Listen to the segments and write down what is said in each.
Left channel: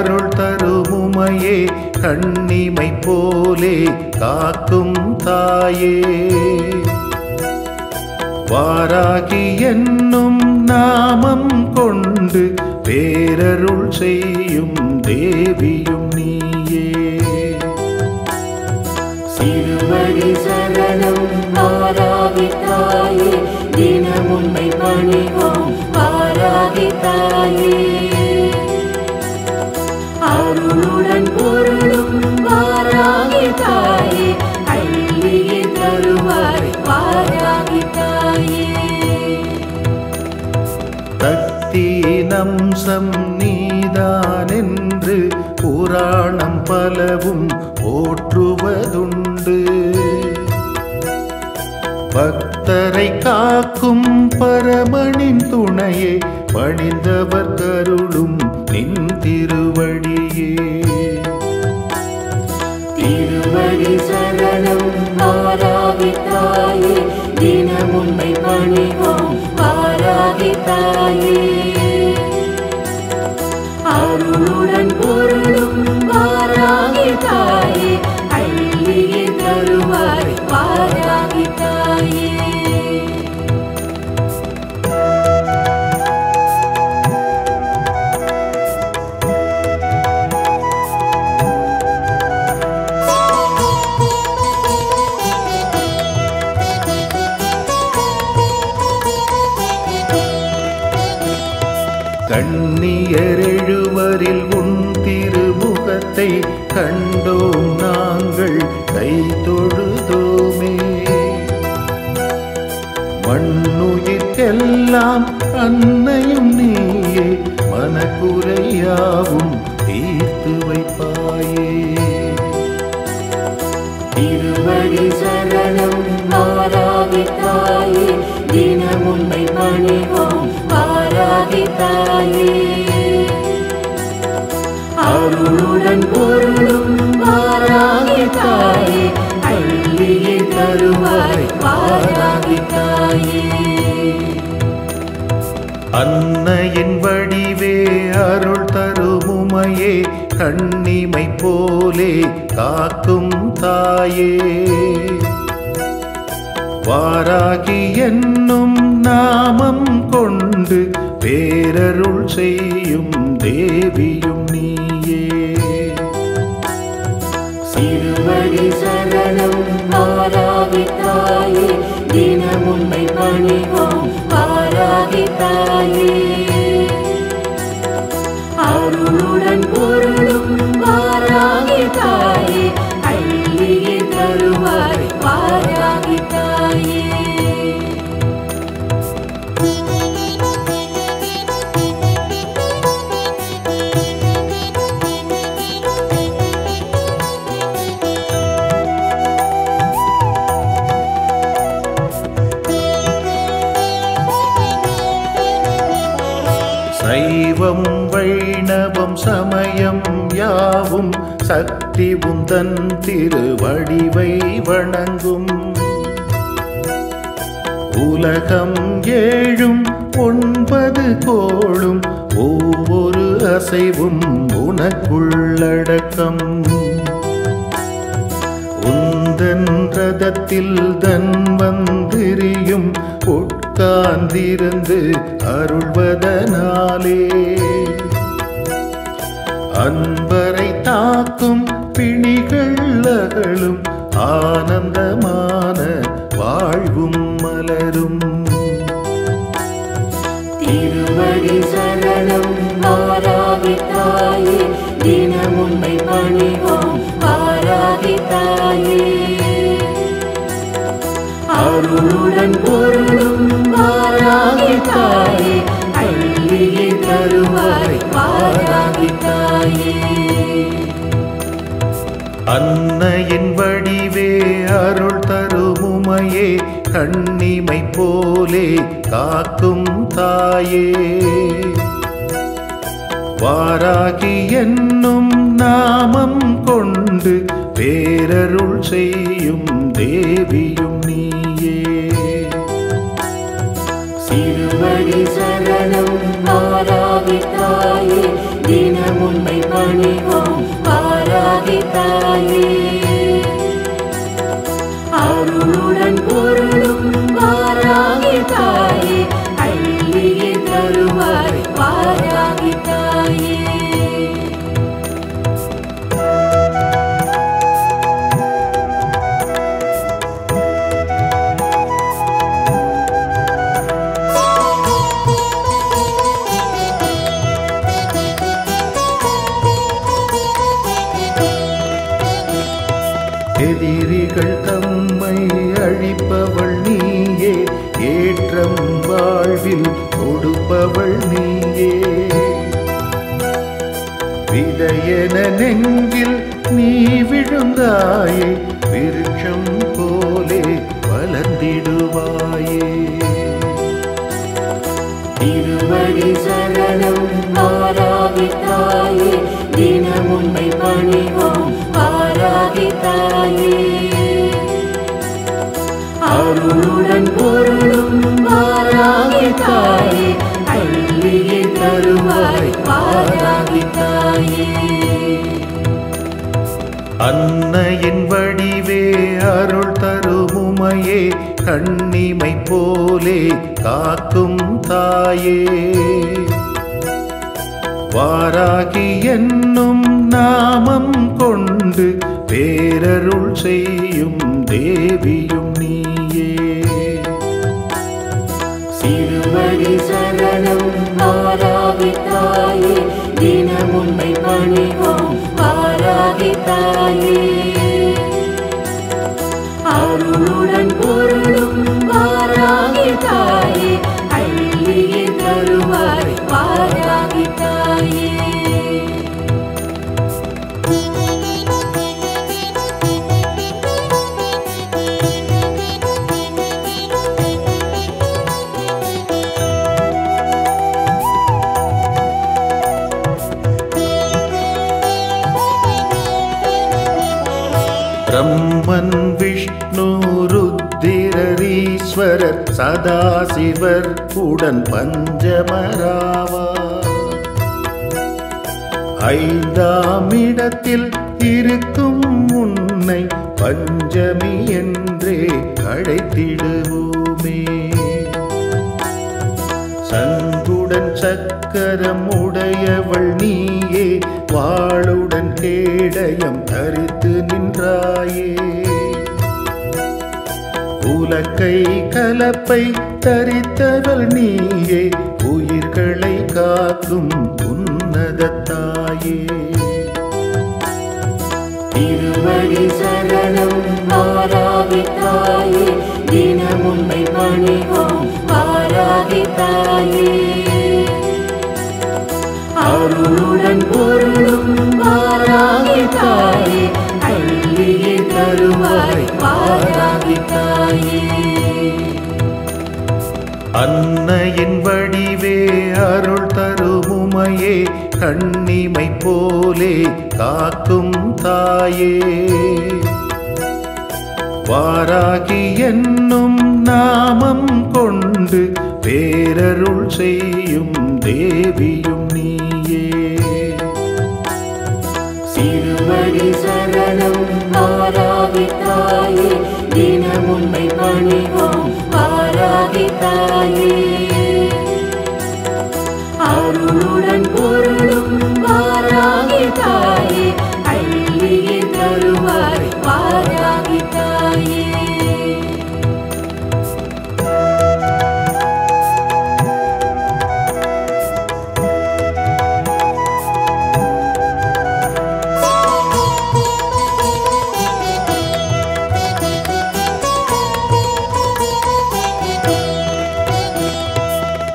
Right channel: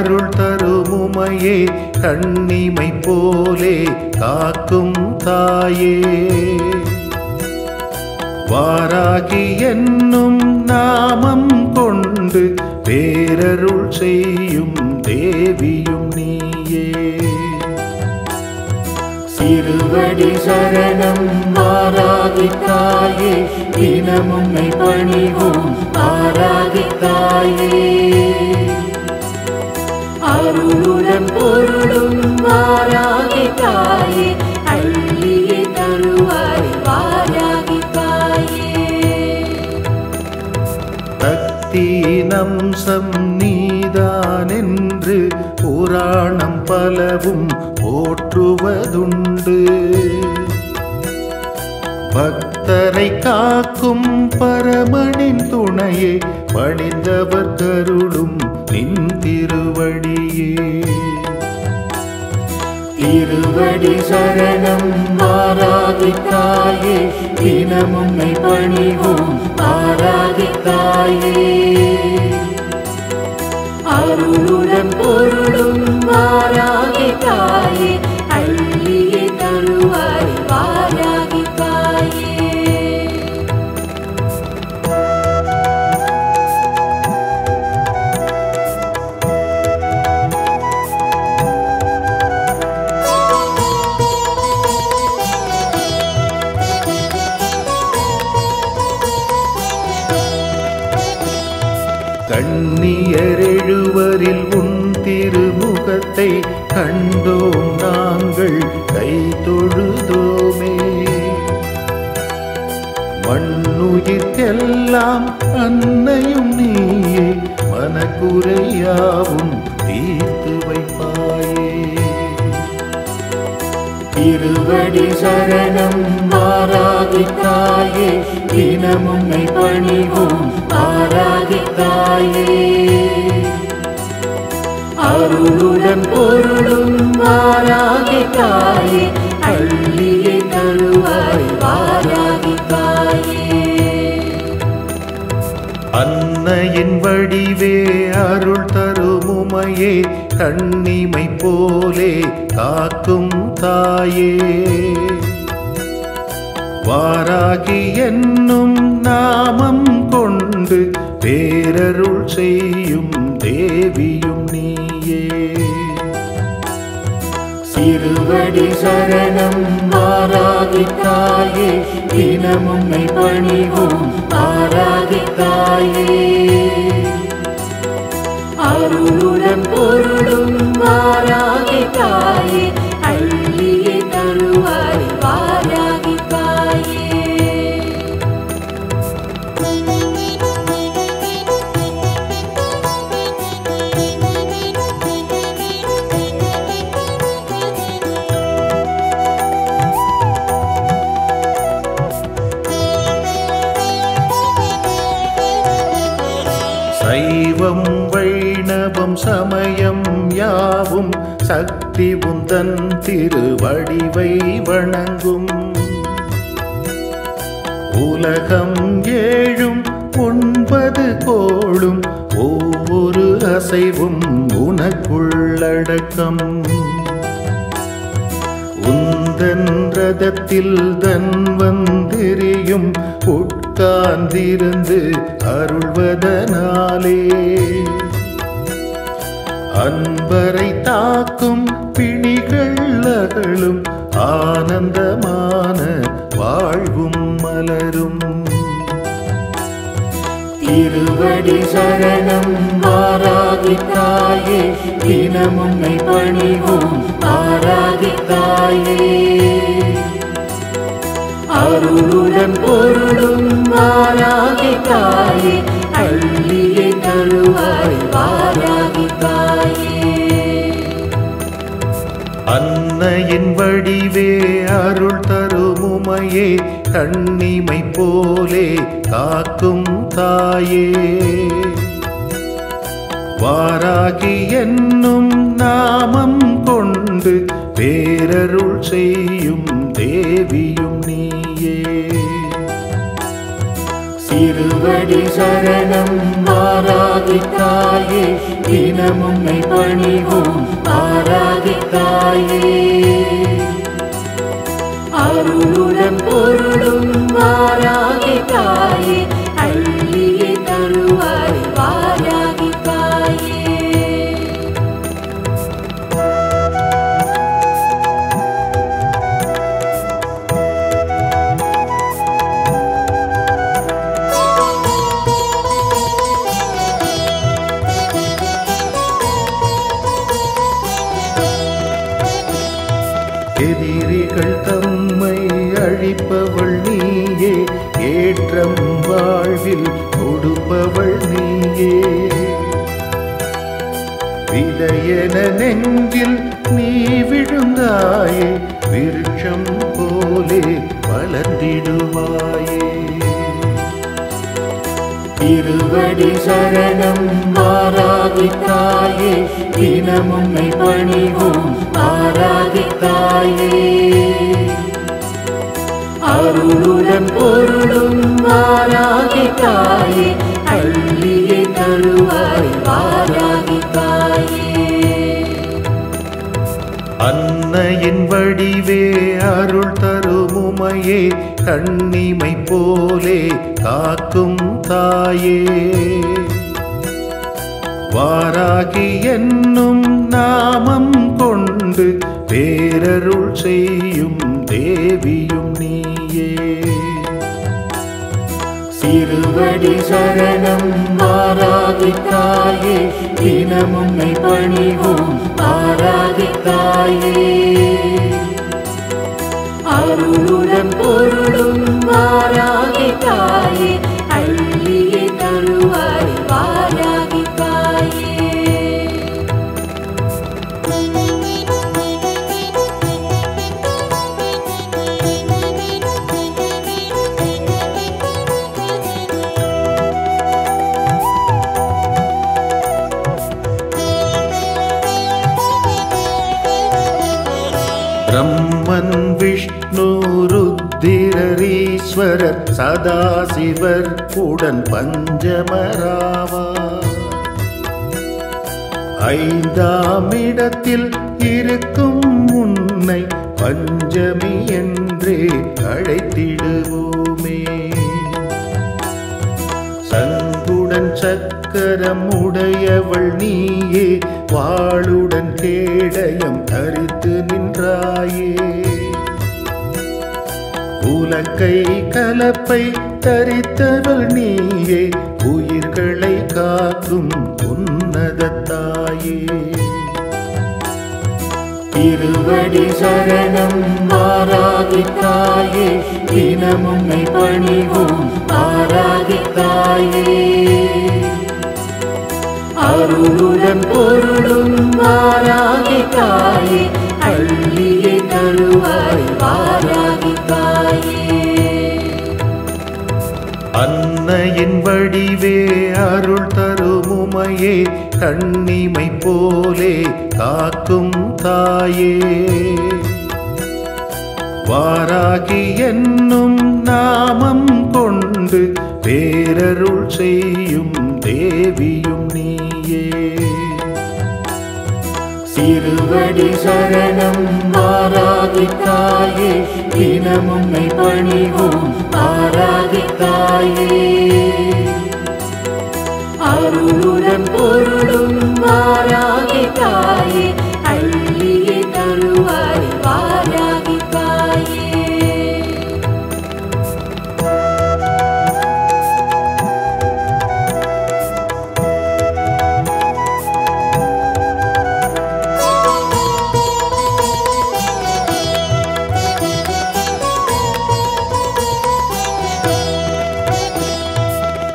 அருள் தரும் உமையே கண்ணிமை போலே காக்கும் தாயே வாராகி என்னும் நாமம் கொண்டு பேரருள் செய்யும் தேவியும் நீயே சிறுவடி சரணம் வாராகி தாயே தினம் உன்னை பணிவோம் வாராகி தாயே அருளுடன் பொருளும் வாராகி தாயே அள்ளியே தருவாய் வாராகி தாயே சக்தியின் அம்சம் நீதானென்று புராணம் பலவும் போற்றுவதுண்டு பக்தரை காக்கும் பரமனின் துணையே பணிந்தவர் கருளும் நின் திருவடியே திருவடி சரணம் வாராகி தாயே தினம் உன்னை பணிவோம் வாராகி தாயே அருளுடன் பொருளும் வாராகி தாயே அள்ளியே தருவாய் வாராகி தாயே கண்ணியர் எழுவரில் உன் திருமுகத்தை கண்டோம் நாங்கள் கை தொழுதோமே மண்ணுயிர்க்கெல்லாம் அன்னையும் நீயே மனக்குறையாவும் தீர்த்து வைப்பாயே திருவடி சரணம் வாராகி தாயே தினம் உன்னை பணிவோம் வாராகி தாயே அருளுடன் பொருளும் வாராகி தாயே அள்ளியே தருவாய் வாராகி தாயே அன்னையின் வடிவே அருள் தரும் உமையே கண்ணிமை போலே காக்கும் தாயே வாராகி என்னும் நாமம் கொண்டு பேரருள் செய்யும் தேவியும் நீயே சிறுவடி சரணம் வாராகி தாயே தினம் உன்னை பணிவோம் வாராகி தாயே அருளுடன் பொருளும் வாராகி தாயே அள்ளியே தருவாய் வாராகி தாயே சைவம் வைணவம் சமயம் யாவும் சக்தி உந்தன் திருவடிவை வணங்கும் உலகம் ஏழும் 9 கோளும் ஒவ்வொரு அசைவும் உனக்குள்ளடக்கம் உந்தன் ரதத்தில் தன் வந்திரியும் உட்கார்ந்திருந்து அருள்வதனாலே அன்பரை தாக்கும் பிணிகள் அகலும் ஆனந்தமான வாழ்வும் மலரும் திருவடி சரணம் வாராகி தாயே தினம் உன்னை பணிவோம் வாராகி தாயே அருளுடன் பொருளும் வாராகி தாயே அள்ளியே தருவாய் வாராகி தாயே அன்னையின் வடிவே அருள் தரும் உமையே கண்ணிமை போலே காக்கும் தாயே வாராகி என்னும் நாமம் கொண்டு பேரருள் செய்யும் தேவியும் நீயே சிறுவடி சரணம் வாராகி தாயே தினம் உம்மை பணிவோம் ஆராகி தாயே. அருளுடன் பொருளும் வாராகி தாயே, அள்ளியே தருவாய் வாராகி தாயே. எதிரிகள் தம்மை அழிப்பவள் நீயே, ஏற்றம் வாழ்வில் கொடுப்பவள் நீயே. விதையென நெஞ்சில் நீ விழுந்தாயே, விருட்சம் போலே வளர்ந்திடுவாயே. திருவடி சரணம் ஆராகி தாயே, தினம் உம்மை பணிவோம் ஆராகி தாயே. அருளுடன் பொருளும் வாராகி தாயே, அள்ளியே தருவாய் வாராகி தாயே. அன்னையின் வடிவே அருள் தருமுமையே, கண்ணிமை போலே காக்கும் தாயே. வாராகி என்னும் நாமம் கொண்டு பேரருள் செய்யும் தேவியும் நீயே. திருவடி சரணம் ஆராகி தாயே, தினம் உம்மை பணிவோம் ஆராகி தாயே. அருளுடன் பொருளும் வாராகி தாயே, அள்ளியே தருவாய் வாராகி தாயே. பிரம்மன் விஷ்ணு ருத்திரரீஸ்வரர் சதாசிவர் உடன் பஞ்சமராவார். ஐந்தாம் இடத்தில் இருக்கும் உன்னை பஞ்சமி என்றே அழைத்திடுவோமே. சங்குடன் சக்கரம் உடையவள் நீயே, வாளுடன் கேடயம் தரித்து நின்றாயே. உலக்கை கலப்பை தரித்தவள் நீயே, உயிர்களை காக்கும் உன்னதத்தாயே. திருவடி சரணம் ஆராகி தாயே, தினம் உம்மை பணிவோம் ஆராகி தாயே. அருளுடன் பொருளும் வாராகி தாயே, அள்ளியே தருவாய் வாராகி தாயே. அன்னையின் வடிவே அருள் தருமுமையே, கண்ணிமை போலே காக்கும் தாயே. வாராகி என்னும் நாமம் கொண்டு பேரருள் செய்யும் தேவியும் நீயே. திருவடி சரணம் ஆராகி தாயே, தினம் உம்மை பணிவோம் ஆராகி தாயே. அருளுடன் பொருளும் வாராகி தாயே, அள்ளியே தருவாய் வாராகி தாயே.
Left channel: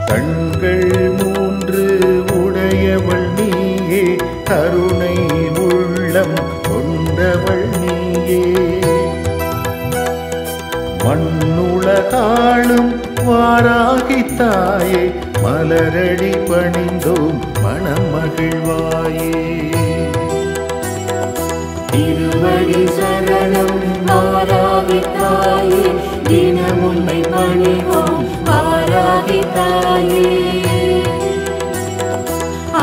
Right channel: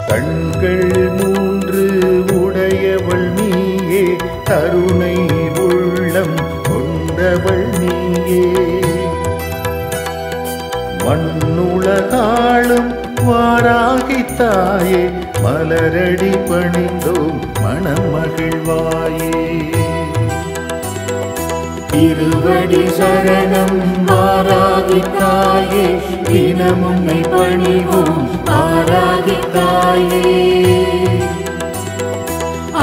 கண்கள் மூன்று உடையவள் நீயே, கருணை உள்ளம் கொண்டவள் நீயே. மண்ணுலகாளும் வாராகி தாயே, மலரடி பணிந்தோம் மனம் மகிழ்வாயே. திருவடி சரணம் ஆராகி தாயே, தினம் உம்மை பணிவோம் ஆராகி தாயே.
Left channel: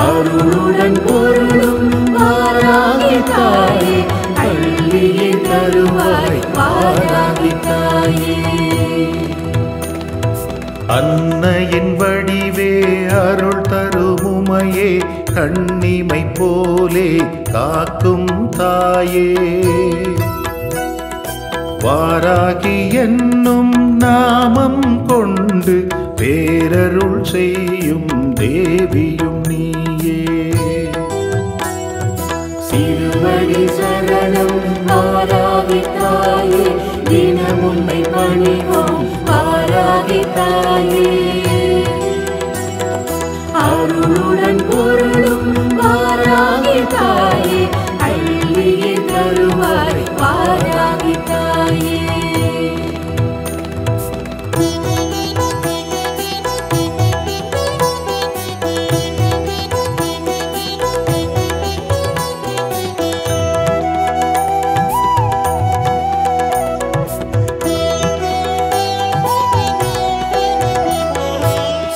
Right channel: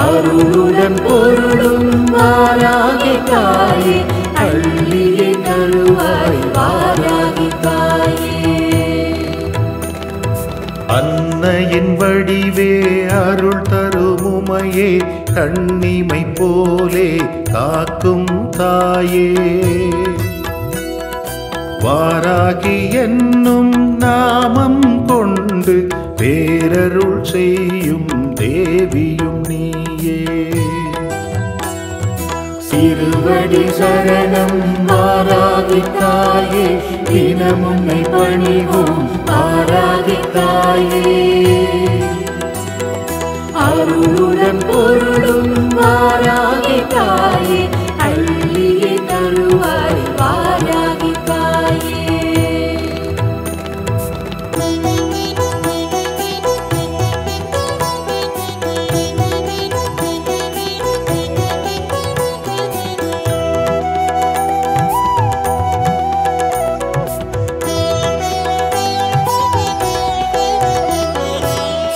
அருளுடன் அருளுடன் பொருளும் வாராகி தாயே அள்ளியே தருவாய் வாராகி தாயே. அன்னையின் வடிவே அருள் தருமுமையே கண்ணிமை போலே காக்கும் தாயே. வாராகி என்னும் நாமம் கொண்டு பேரருள் செய்யும் தேவியும் நீயே. சிறுவடி சரணம் வாராகி தாயே தினம் உன்னை பணிவோம் வாராகி தாயே. அருளுடன் பொருளும் வாராகி தாயே அள்ளியே தருவாய் வாராகி தாயே.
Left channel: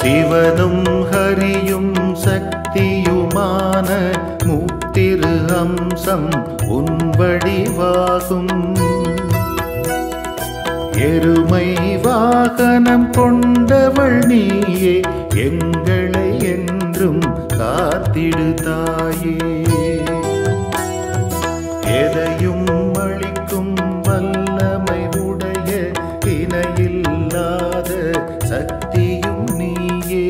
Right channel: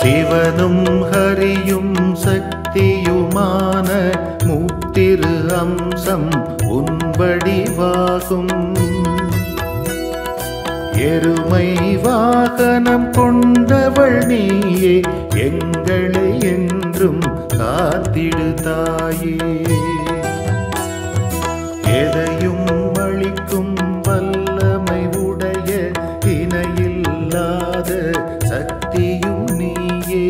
சிவனும் ஹரியும் சக்தியுமான முத்திரு அம்சம் உன் வடிவாகும். எருமை வாகனம் கொண்டவள் நீயே எங்களை என்றும் காத்திடு தாயே. எதையும் அளிக்கும் வல்லமை உடைய இணையில்லாத சக்தியும் நீயே.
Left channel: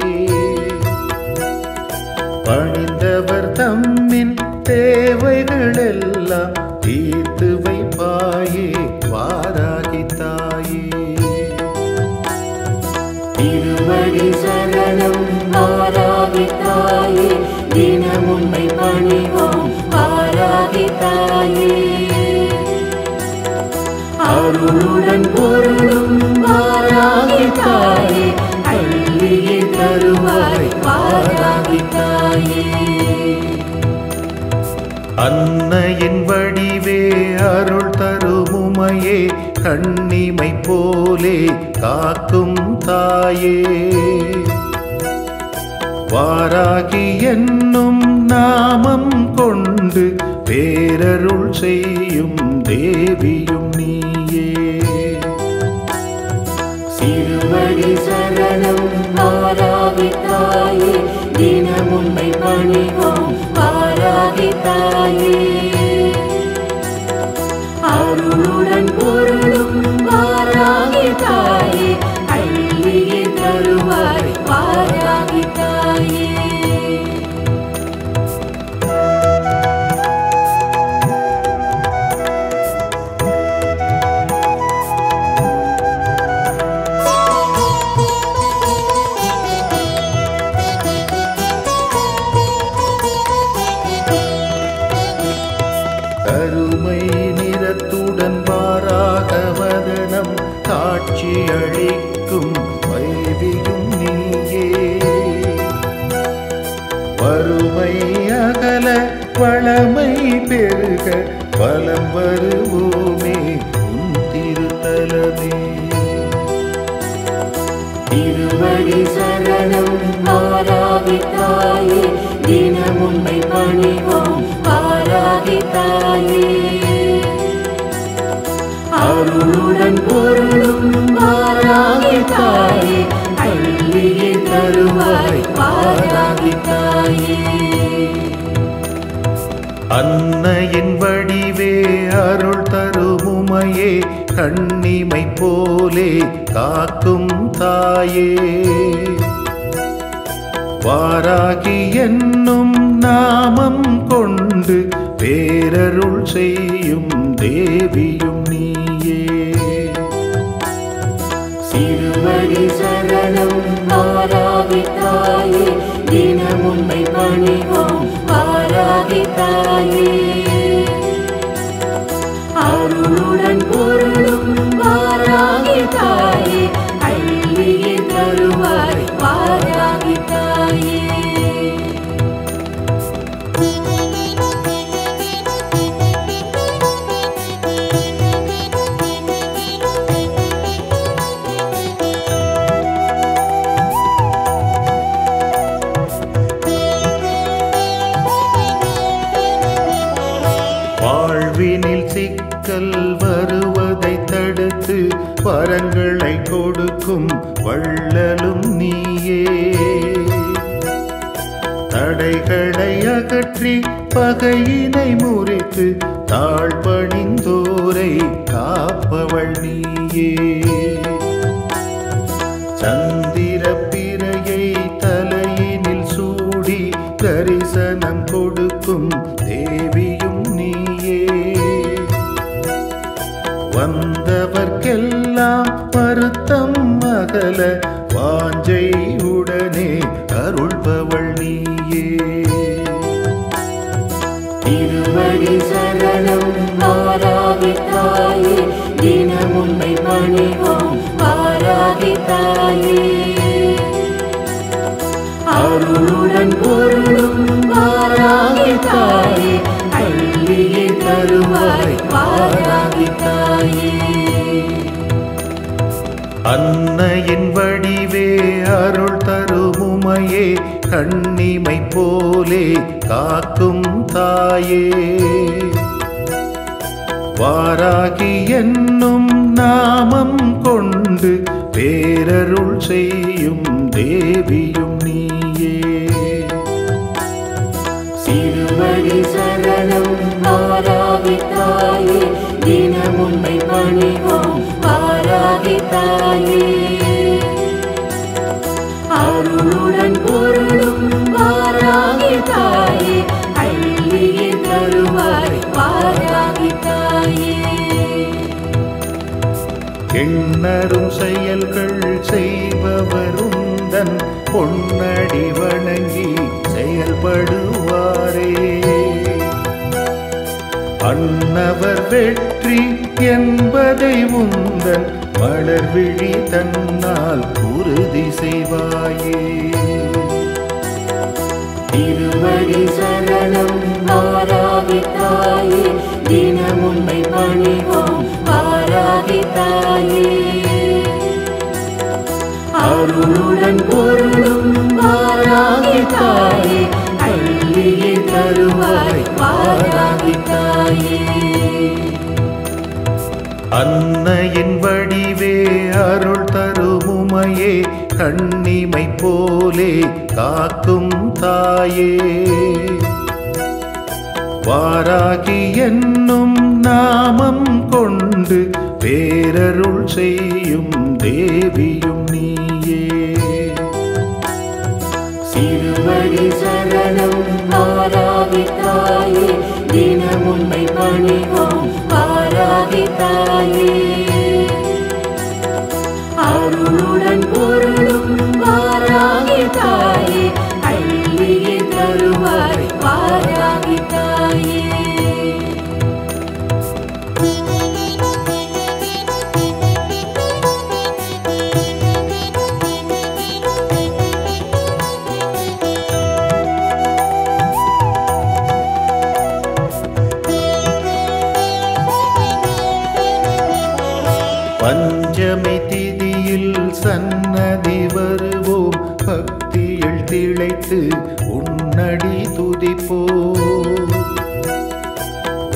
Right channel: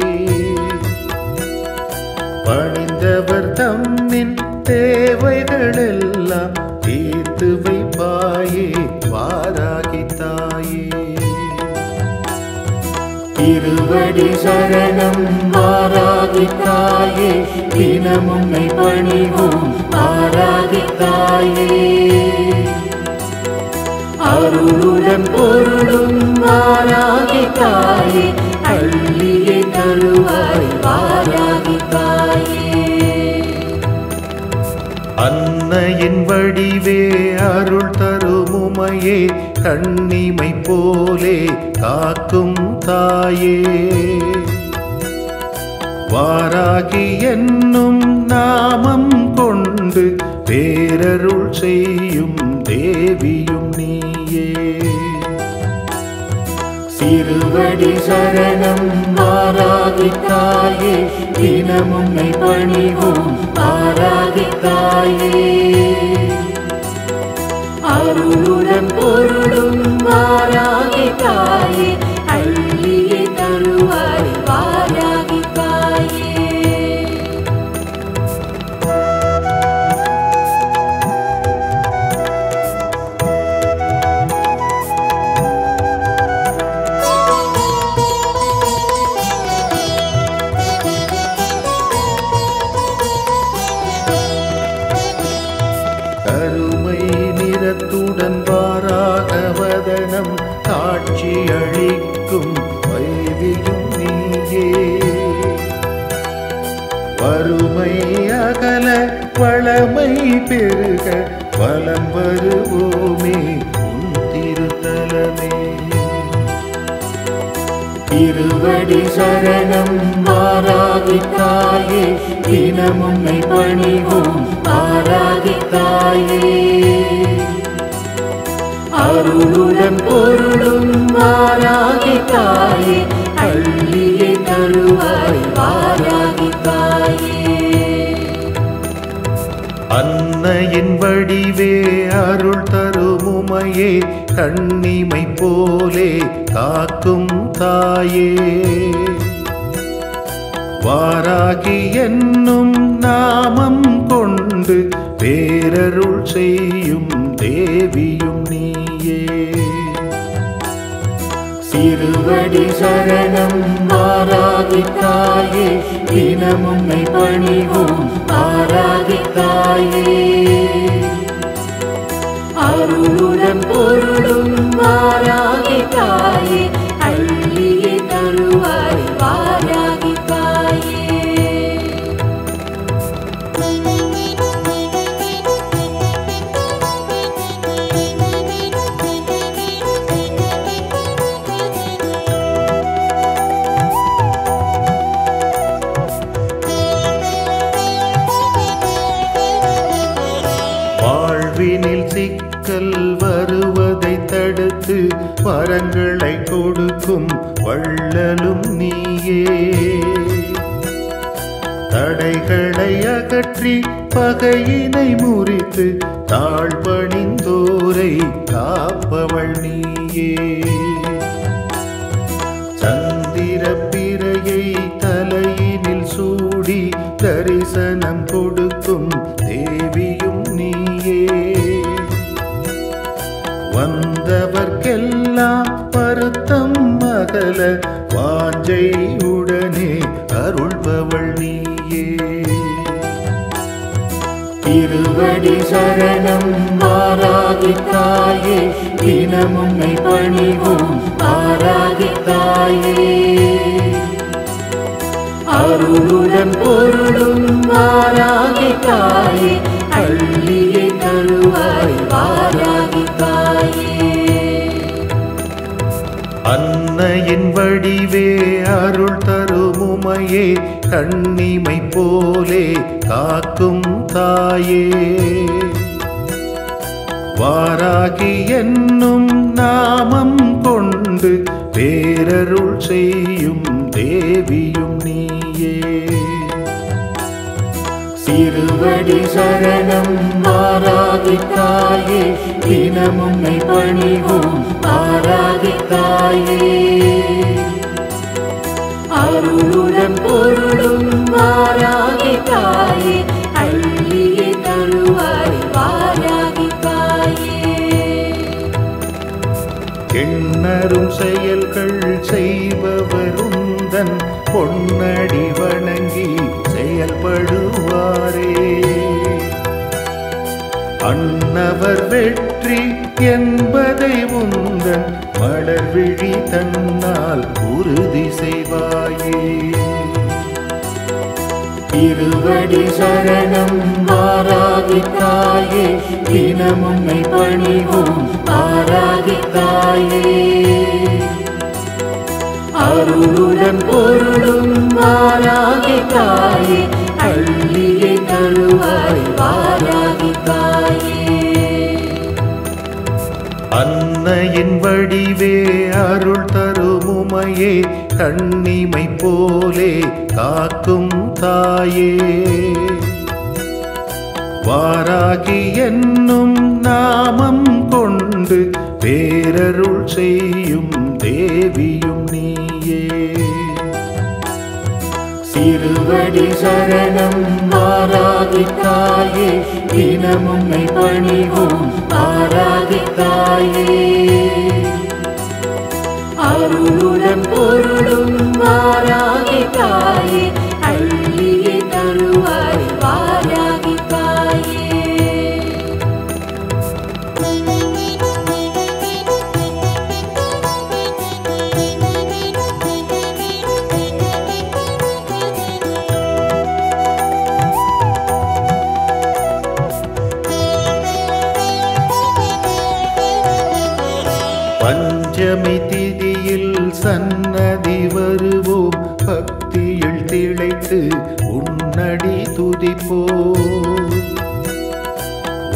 பணிந்தவர் தம்மின் தேவைகளெல்லாம் தீர்த்து வைப்பாயே வாராகி தாயே. திருவடி சரணம் வாராகி தாயே தினம் உன்னை பணிவோம் வாராகி தாயே. அருளுடன் பொருளும் வாராகி தாயே அள்ளியே தருவாய் வாராகி தாயே. அன்னையின் வடிவே அருள் தருமுமையே கண்ணிமை போலே காக்கும் தாயே. வாராகி என்னும் நாமம் கொண்டு பேரருள் செய்யும் தேவியும் நீயே. சிறுவடி சரணம் வாராகி தாயே தினம் உன்னை பணிவோம் வாராகி தாயே. அருளுடன் பொருளும் வாராகி தாயே அள்ளியே தருவாய் வாராகி தாயே. கருமை நிறத்துடன் வாராக வதனம் காட்சி அளிக்கும் வைவியும் நீயே. வறுமை அகல வளமை பெருக வலம் வருவோமே உன் திருத்தலமே. திருவடி சரணம் வாராகி தாயே தினம் உன்னை பணிவோம் வாராகி தாயே. அருளுடன் பொருளும் வாராகி தாயே அள்ளியே தருவாய் வாராகி தாயே. அன்னையின் வடிவே அருள் தருமுமையே கண்ணிமை போலே காக்கும் தாயே. வாராகி என்னும் நாமம் கொண்டு பேரருள் செய்யும் தேவியும் நீயே. சிறுவடி சரணம் வாராகி தாயே தினம் உன்னை பணிவோம் வாராகி தாயே. அருளுடன் பொருளும் வாராகி தாயே அள்ளியே தருவாய் வாராகி தாயே. வாழ்வினில் சிக்கல் வருவதை தடுத்து வரங்களை கொடுக்கும் வள்ளலும் நீயே. தடைகளை அகற்றி பகையினை முறித்து தாழ்பணிந்தோரை காப்பவள் நீயே. சந்திர பிறையை தலையினில் சூடி தரிசனம் கொடுக்கும் தேவியும் நீயே. வந்தவர்க்கெல்லாம் வருத்தம் அகல வாஞ்சை உடனே அருள்பவள் நீயே. திருவடி சரணம் வாராகி தாயே, தினம் உன்னை பணிவோம் வாராகி தாயே. அருளுடன் பொருளும் வாராகி தாயே, அள்ளியே தருவாய் வாராகி தாயே. அன்னையின் வடிவே அருள் தருமுமையே, கண்ணிமை போலே காக்கும் தாயே. வாராகி என்னும் நாமம் கொண்டு பேரருள் செய்யும் தேவியும் நீயே. திருவடி சரணம் வாராகி தாயே, தினம் உன்னை பணிவோம் வாராகி தாயே. அருளுடன் பொருளும் வாராகி தாயே, அள்ளியே தருவாய் வாராகி தாயே. எண்ணரும் செயல்கள் செய்பவருந்தன் பொன்னடி வணங்கி செயல்படுவாரே. அன்னவர் வெற்றி என்பதை உந்தன் மலர்விழி தன்னால் உறுதி செய்வாயே. திருவடி சரணம் வாராகி தாயே, தினம் உன்னை பணிவோம் வாராகி தாயே. அருளுடன் பொருளும் வாராகி தாயே, அள்ளியே தருவாய் வாராகி தாயே. அன்னையின் வடிவே அருள் தருமுமையே, கண்ணிமை போலே காக்கும் தாயே. வாராகி என்னும் நாமம் கொண்டு பேரருள் செய்யும் தேவியும் நீயே. திருவடி சரணம் வாராகி தாயே, தினம் உன்னை பணிவோம் வாராகி தாயே. அருளுடன் பொருளும் வாராகி தாயே, அள்ளியே தருவாய் வாராகி தாயே. பஞ்சமி திதியில் சன்னதி வருவோம், பக்தியில் திளைத்து உன்னடி துதிப்போம்.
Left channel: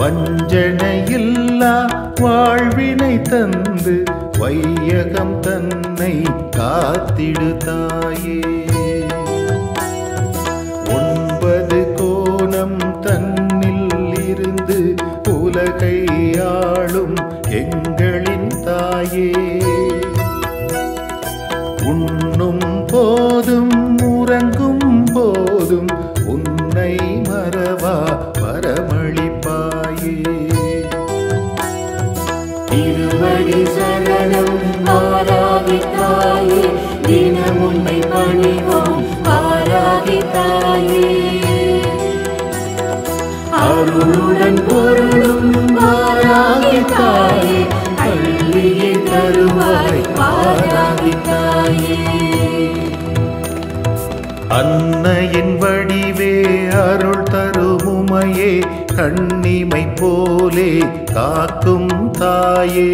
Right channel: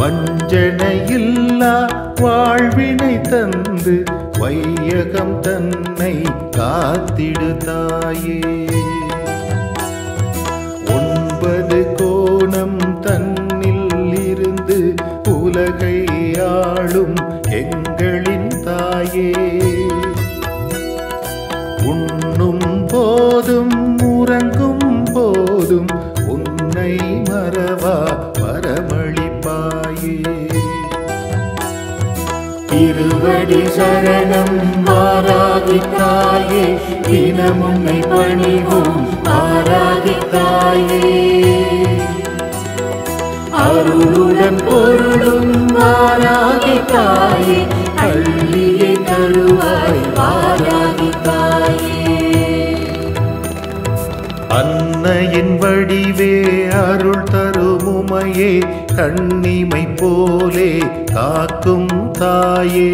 வஞ்சனையில்லா வாழ்வினை தந்து வையகம் தன்னை காத்திடு தாயே. 9 கோணம் தன்னில் இருந்து உலகை ஆளும் எங்களின் தாயே. உண்ணும் போதும் உறங்கும் போதும் உன்னை மறவா வரமளிப்பாயே. திருவடி சரணம் வாராகி தாயே, தினம் உன்னை பணிவோம் வாராகி தாயே. அருளுடன் பொருளும் வாராகி தாயே, அள்ளியே தருவாய் வாராகி தாயே. அன்னையின் வடிவே அருள் தருமுமையே, கண்ணிமை போலே காக்கும் தாயே.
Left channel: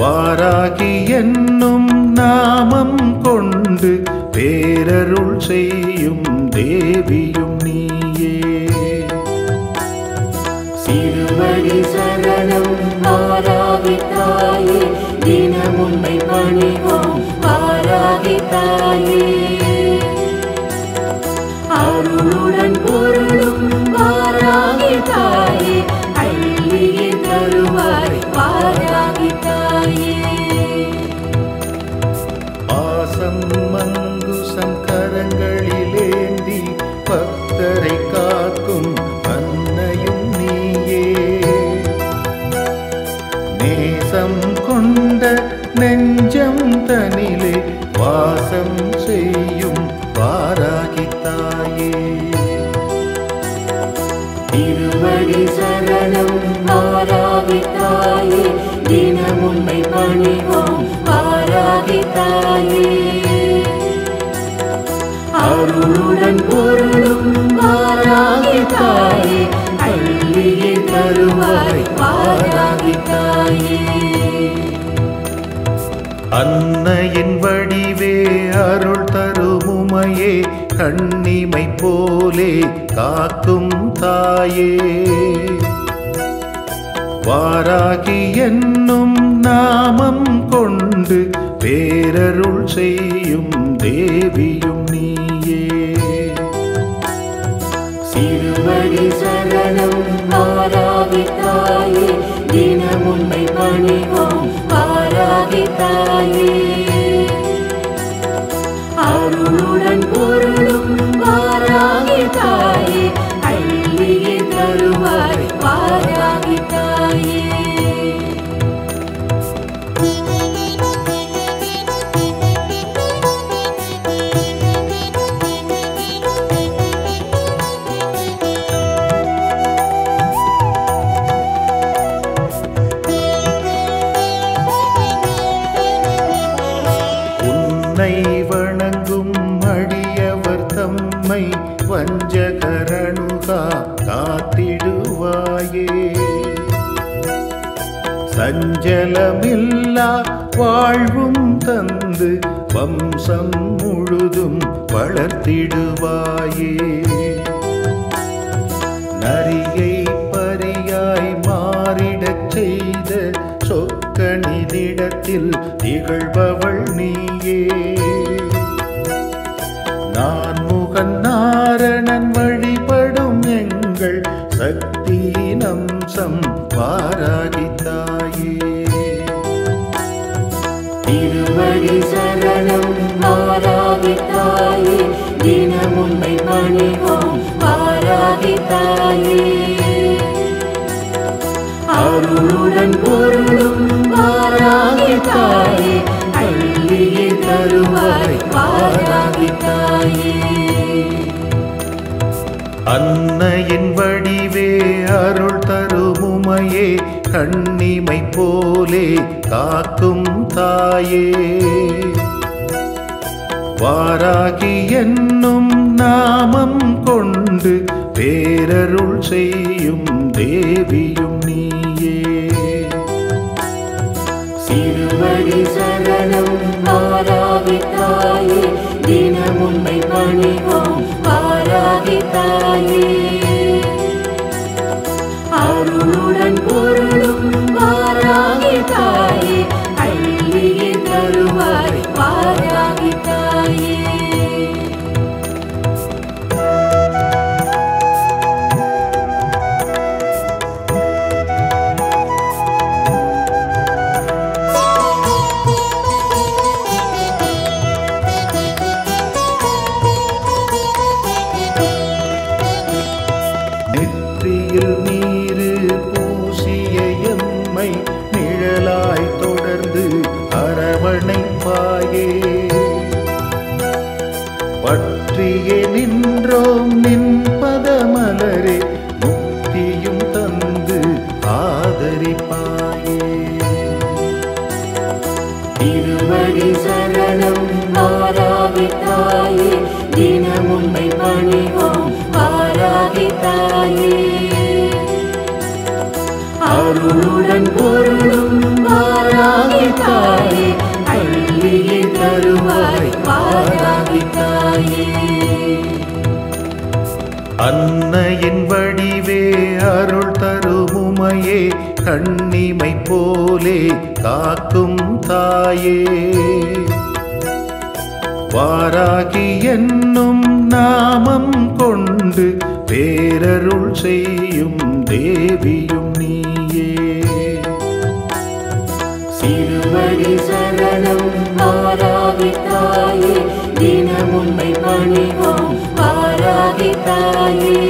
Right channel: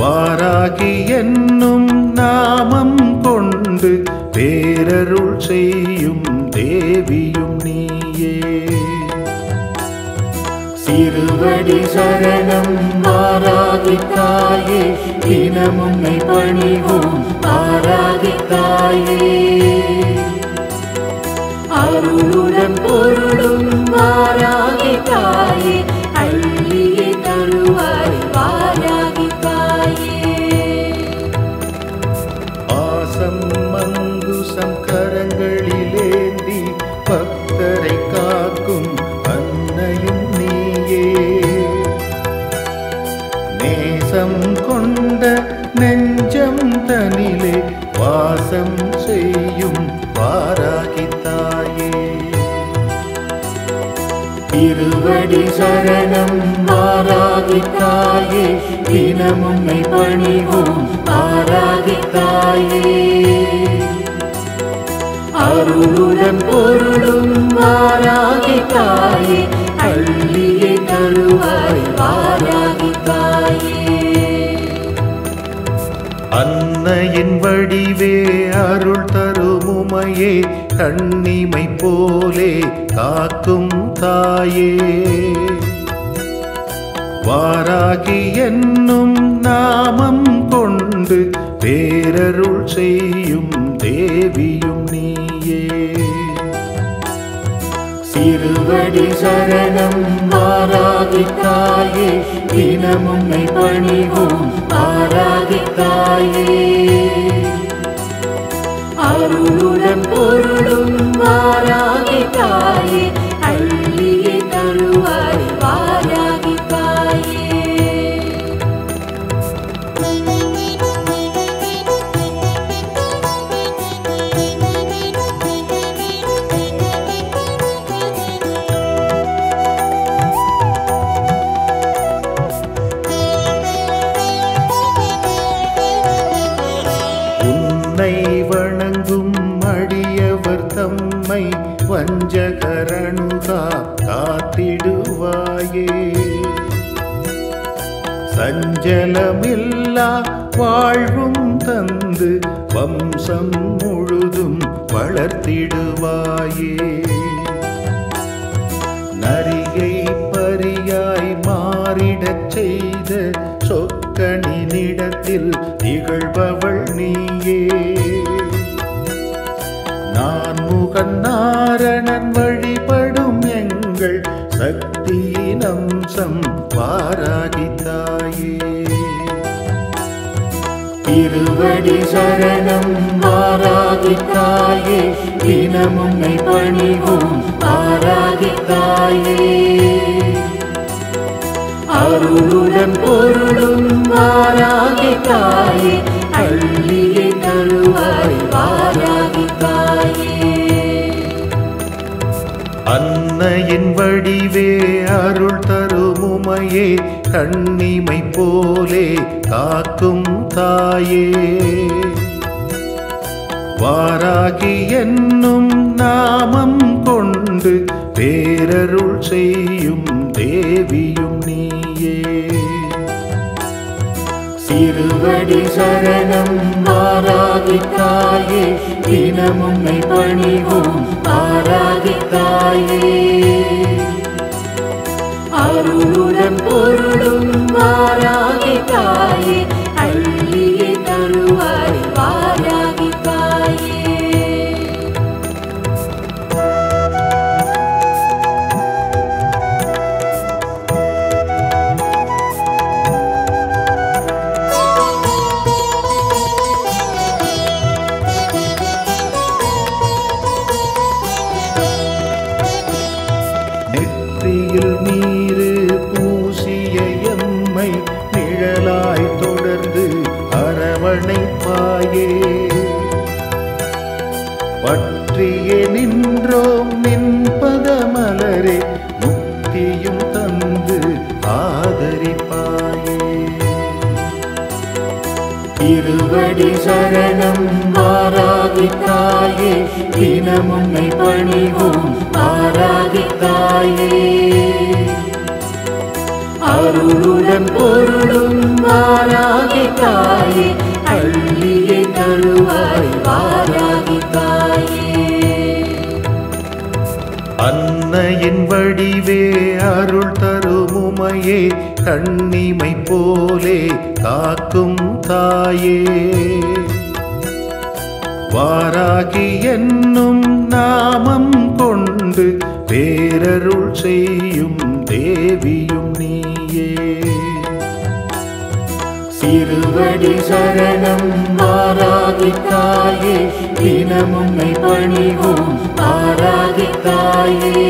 வாராகி என்னும் நாமம் கொண்டு பேரருள் செய்யும் தேவியும் நீயே. தாயே அருளுடன் பொருளும் வாராகி தாயே அள்ளியே தருவாய் வாராகி தாயே ஆசம் மங்குசம் கரங்களிலேந்தி பக்தரை காக்கும் அன்னையும் நீயே நேசம் கொண்ட நெஞ்சம் தனிலே வாசம் செய்யும் வாராகி தாயே திருவடி சரணம் வாராகி தாயே தினம் உன்னை பணிவோம் வாராகி தாயே அருளுடன் பொருளும் வாராகி தாயே அள்ளியே தருவாய் வாராகி தாயே அன்னையின் வடிவே அருள் தரும் உமையே கண்ணிமை போலே காக்கும் தாயே வாராகி என்னும் நாமம் கொண்டு பேரருள் செய்யும் தேவியும் நீயே திருவடி சரணம் வாராகி தாயே தினம் உன்னை பணிவோம் வாராகி தாயே அருளுடன் பொருளும் வாராகி தாயே அள்ளியே தருவாய் வாராகி தாயே உன்னை வணங்கும் அடியவர் தம்மை வஞ்சகரணுகா காத்திடுவாயே சஞ்சலமில்லா வாழ்வும் தந்து வம்சம் முழுதும் வளர்த்திடுவாயே நரியை பரியாய் மாறிடச் செய்த சொக்கனினிடத்தில் திகழ்பவள் நீயே நான் முகன் நாரணன் வழிபடும் எங்கள் சக்தியின் அம்சம் வாராகி தாயே திருவடி சரணம் வாராகி தாயே தினம் உன்னை பணிவோம் வாராகி தாயே அருளுடன் பொருளும் வாராகி தாயே அள்ளியே தருவாய் வாராகி தாயே அன்னையின் வடிவே அருள் தரும் உமையே கண்ணிமை போலே காக்கும் தாயே வாராகி என்னும் நாமம் கொண்டு பேரருள் செய்யும் தேவியும் நீயே திருவடி சரணம் வாராகி தாயே தினம் உன்னை பணிவோம் வாராகி தாயே அருளுடன் பொருளும் வாராகி தாயே அள்ளியே தருவாய் வாராகி தாயே நெற்றியில் நீரு பூசிய எம்மை நிழலாய் தொடர்ந்து அரவணைப்பாயே பற்றியே நின்றோம் நின்பத மலரே முக்தியும் தந்து ஆதரிப்பாயே திருவடி சரணம் வாராகி தாயே தினம் உன்னை பணிவோம் வாராகி தாயே அருளுடன் பொருளும் வாராகி தாயே அள்ளியே தருவாய் வாராகி தாயே அன்னையின் வடிவே அருள் தரும் உமையே கண்ணிமை போலே காக்கும் தாயே வாராகி என்னும் நாமம் கொண்டு பேரருள் செய்யும் தேவியும் நீயே. திருவடி சரணம் வாராகி தாயே, தினம் உன்னை பணிவோம் வாராகி தாயே.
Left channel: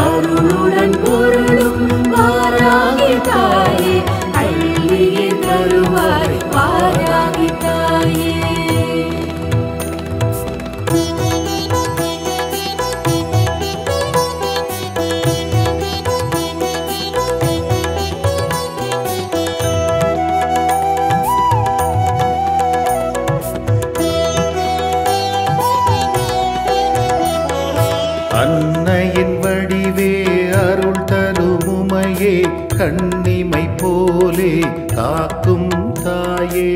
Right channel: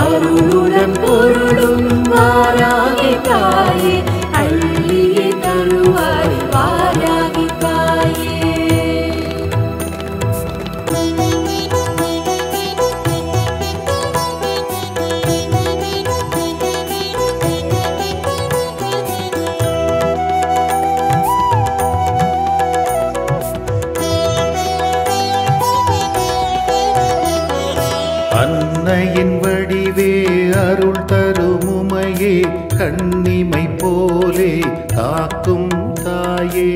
அருளுடன் பொருளும் வாராகி தாயே, அள்ளியே தருவாய் வாராகி தாயே. அன்னையின் வடிவே அருள் தருமுமையே, கண்ணிமை போலே காக்கும் தாயே.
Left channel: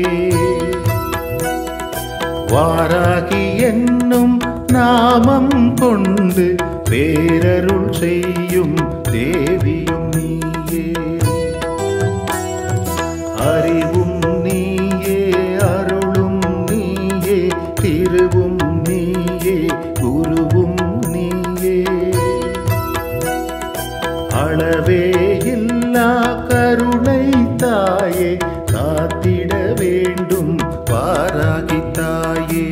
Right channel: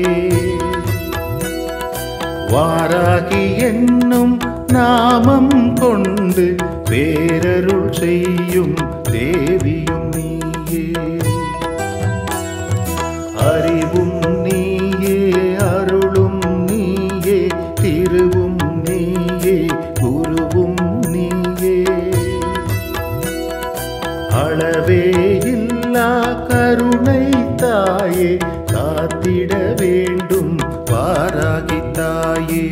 வாராகி என்னும் நாமம் கொண்டு பேரருள் செய்யும் தேவியும் நீயே. அறிவும் நீயே, அருளும் நீயே, திருவும் நீயே, குருவும் நீயே. அளவே இல்லா கருணை தாயே, காத்திட வேண்டும் வாராகி தாயே.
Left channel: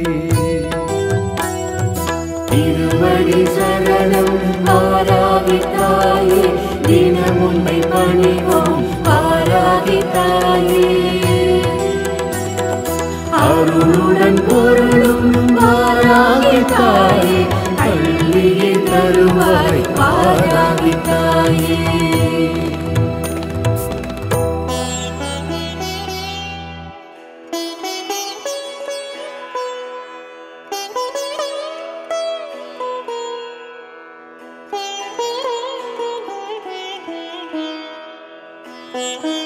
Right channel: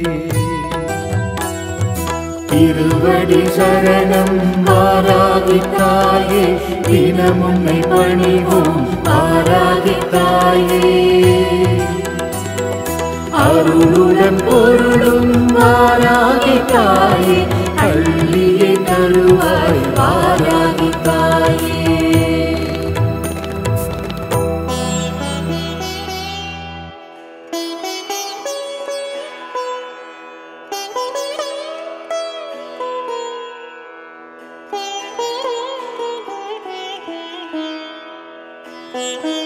திருவடி சரணம் வாராகி தாயே, தினம் உன்னை பணிவோம் வாராகி தாயே. அருளுடன் பொருளும் வாராகி தாயே, அள்ளியே தருவாய் வாராகி தாயே. Thank you.